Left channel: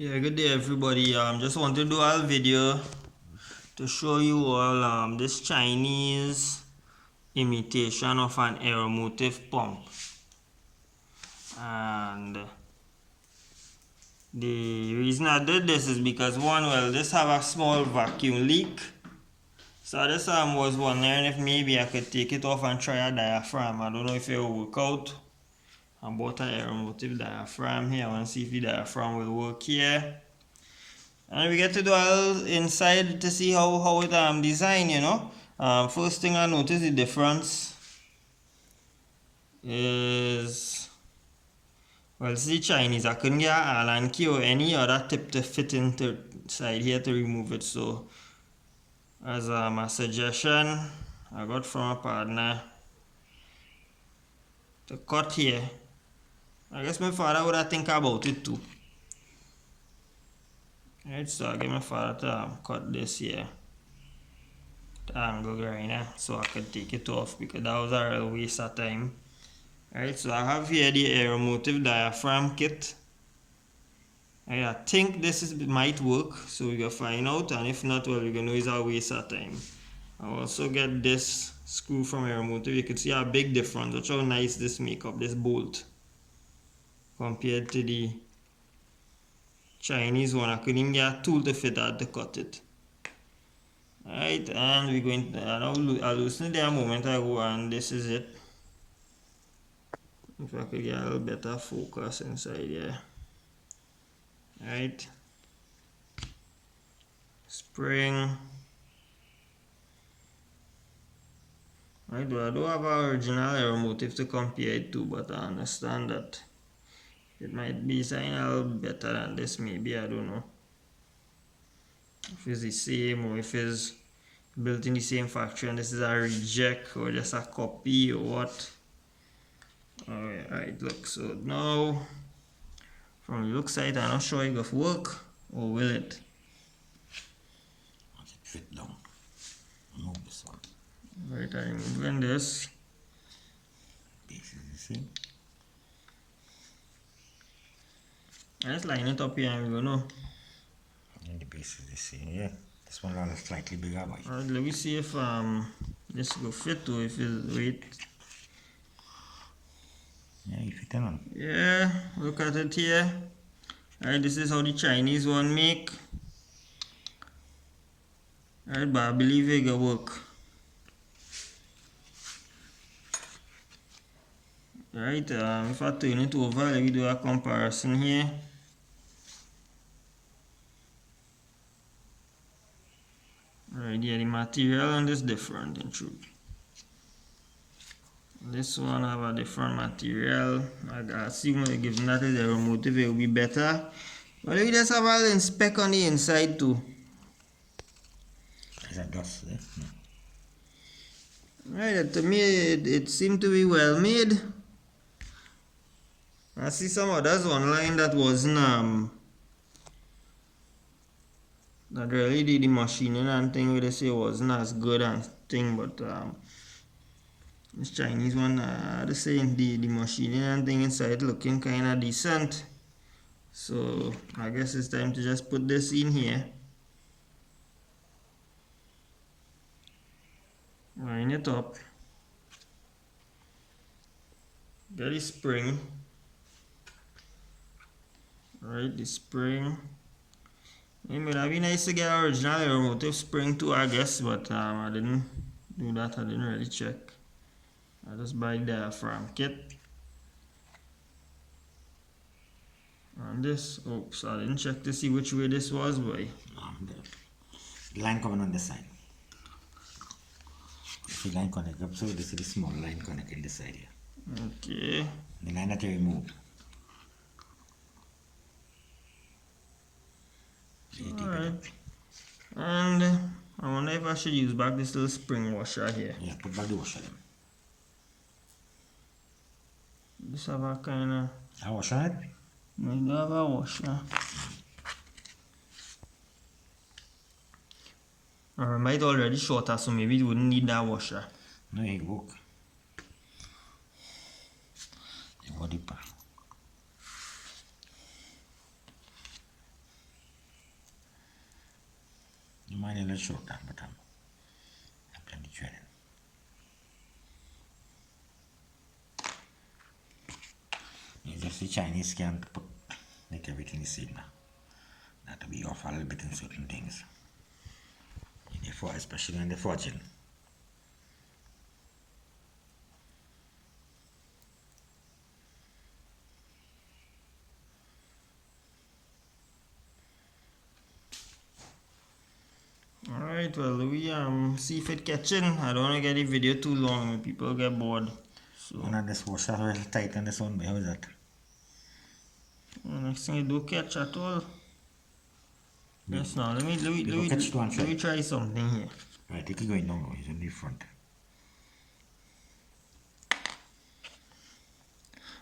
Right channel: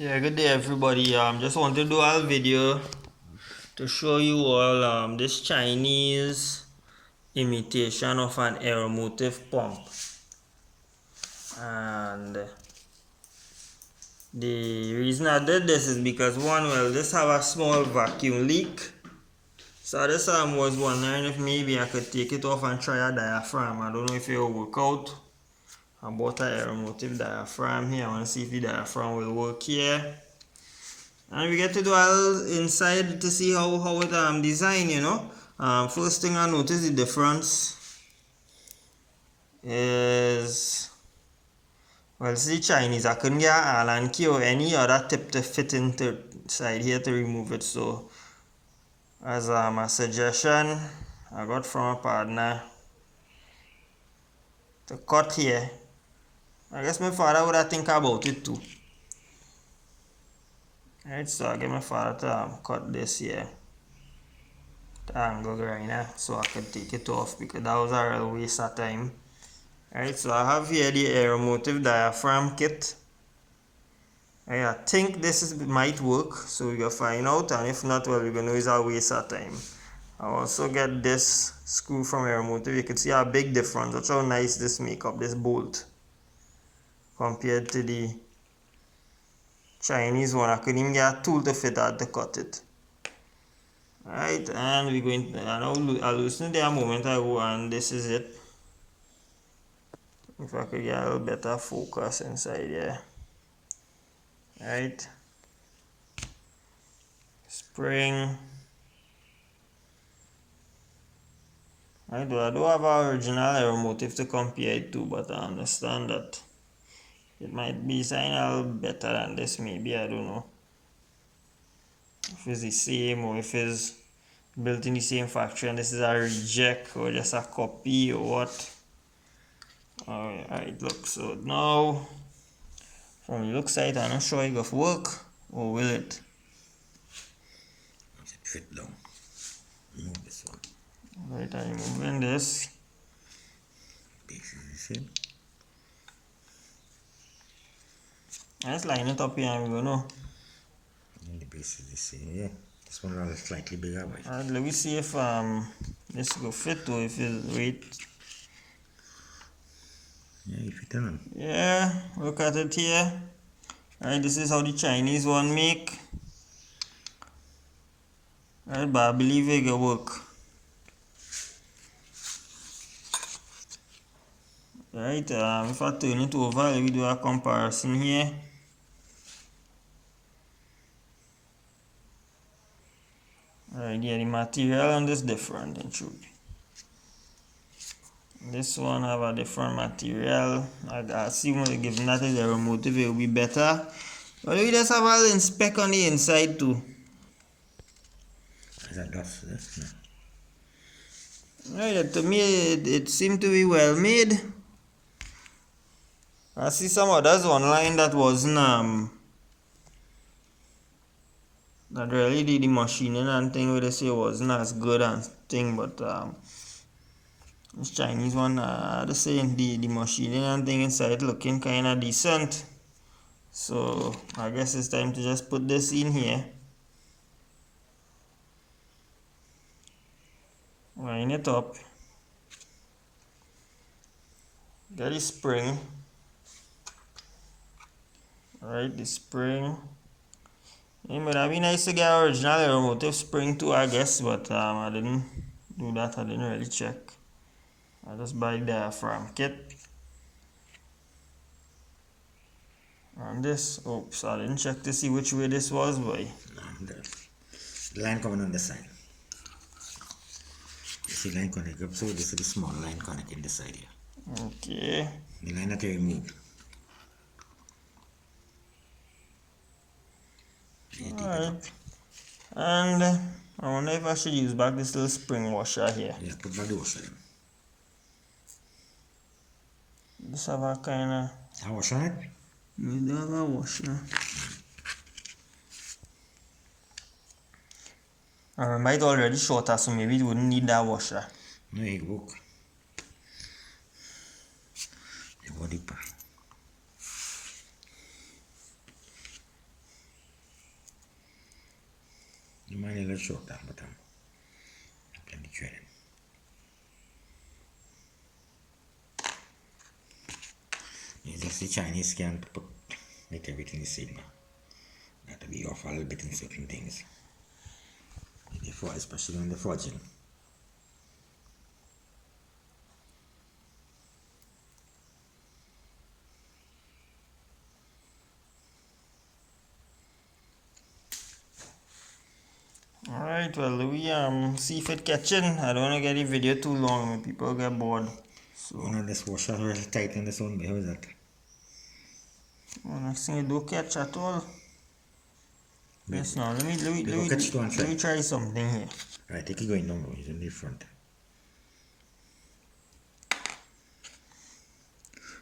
Yeah, good day everybody. Just want to do a video to show you all this Chinese imitation of an Aeromotive pump. And the reason I did this is because this have a small vacuum leak. So this was wondering if maybe I could take it off and try a diaphragm. I don't know if it will work out. I bought an Aeromotive diaphragm here. I want to see if the diaphragm will work here. And we get to do all inside to see how it designed, First thing I notice the difference is, well, this is Chinese. I couldn't get an Allen key or any other tip to fit into side here to remove it. So as a suggestion I got from a partner to cut here. I guess my father would have think about it too. Right, so I get my father to cut this here. Angle grinder so I could take it off because that was a real waste of time. Alright, so I have here the Aeromotive diaphragm kit. I think this might work, so we're gonna find out, and if not, well, we're gonna know it's a waste of time. I also get this screw from Aeromotive. You can see a big difference. Watch how nice this make up, this bolt, compared to the Chinese one. I couldn't even get a tool to fit that to cut it. Alright, and we're going to, I loosened it there a moment ago, and this is it. If I could get a little better focus inside here. Alright. Spring. I do have an original Aeromotive to compare it to, but I understand that it might be designed a little better than this, maybe, I don't know. If it's the same or if it's built in the same factory and this is a reject or just a copy or what. Alright, look, so now from the look side, I'm not sure it will work, or will it? Once it fit down, remove this one. Right, I'm removing this. Base is the same. Let's line it up here and we're gonna know. And the base is the same, yeah. This one is slightly bigger, but alright, let me see if this will fit or if it's right. yeah, it fit on. Yeah, look at it here. Alright, this is how the Chinese one make. Alright, but I believe it will work. Alright, if I turn it over, let me do a comparison here. Alright, yeah, the material on this different in truth. This one have a different material. I assume given that is Aeromotive, it will be better. But we just have a little speck on the inside too. Is that dust? Yes? No. Right, to me it seemed to be well made. I see some others online that wasn't that really did the machining and thing where they say it wasn't as good and thing, but this Chinese one, the same, the machining and thing inside looking kinda decent. So I guess it's time to just put this in here. Line it up. Get the spring. Alright, the spring. It would have been nice to get original Aeromotive spring too, I guess, but I didn't do that. I didn't really check. I just buy the diaphragm kit. And this, oops, I didn't check to see which way this was, boy. The line coming on the side. You see line connect up, so this is the small line connecting this side here. Okay. The line that you removed. Alright. And I wonder if I should use back this little spring washer here. Yeah, put back the washer then. This have a kinda, A washer on it? we do have a washer. I remember it already shorter, so maybe it wouldn't need that washer. No, it work. The body part. little short down, but I plenty threading. It's just the Chinese can put make everything the same now. That to be off a little bit in certain things. Especially when they're forging. Alright, well we see if it catching. I don't wanna get the video too long when people get bored. So This washer is tight on this one, how is that? well, next thing it don't catch at all. Yes, now let Catch me try something here. Right, take it going now, it's on the front.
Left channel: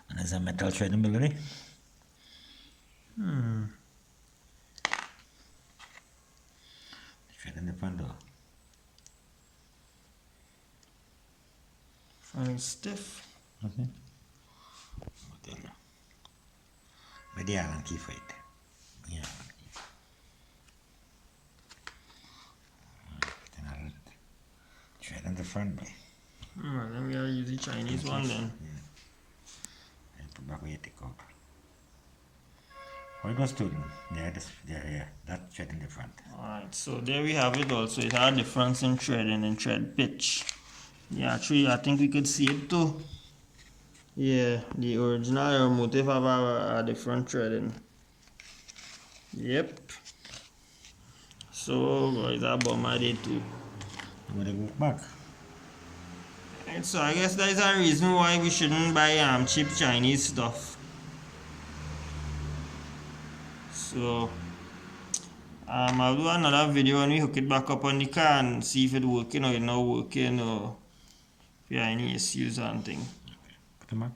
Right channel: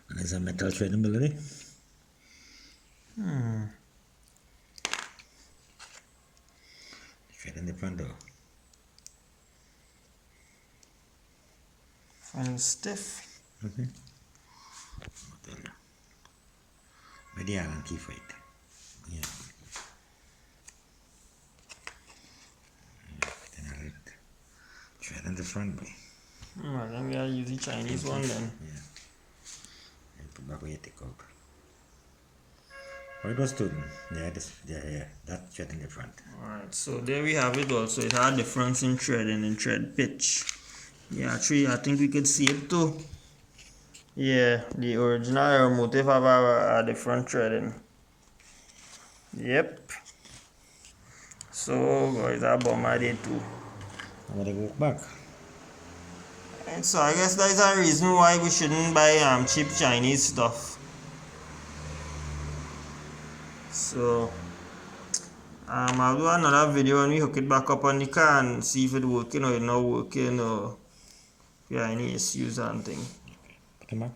And there's a metal thread in the middle, thread in the front door. Finding stiff. Where the Allen key for it? Yeah. Then I'll thread in the front, boy. Well, then we gotta use the Chinese one then. Yeah. And put back where you take out. Where those two? They're here. That thread in the front. Alright, so there we have it also. It had a difference in threading and thread pitch. Yeah, actually I think we could see it too. Yeah, the original Aeromotive have a different threading. Yep. So guys, I bought my day too. I'm gonna go back. And so I guess that is a reason why we shouldn't buy cheap Chinese stuff. So I'll do another video when we hook it back up on the car and see if it's working or it's not working or if there are any issues and things. Put them back.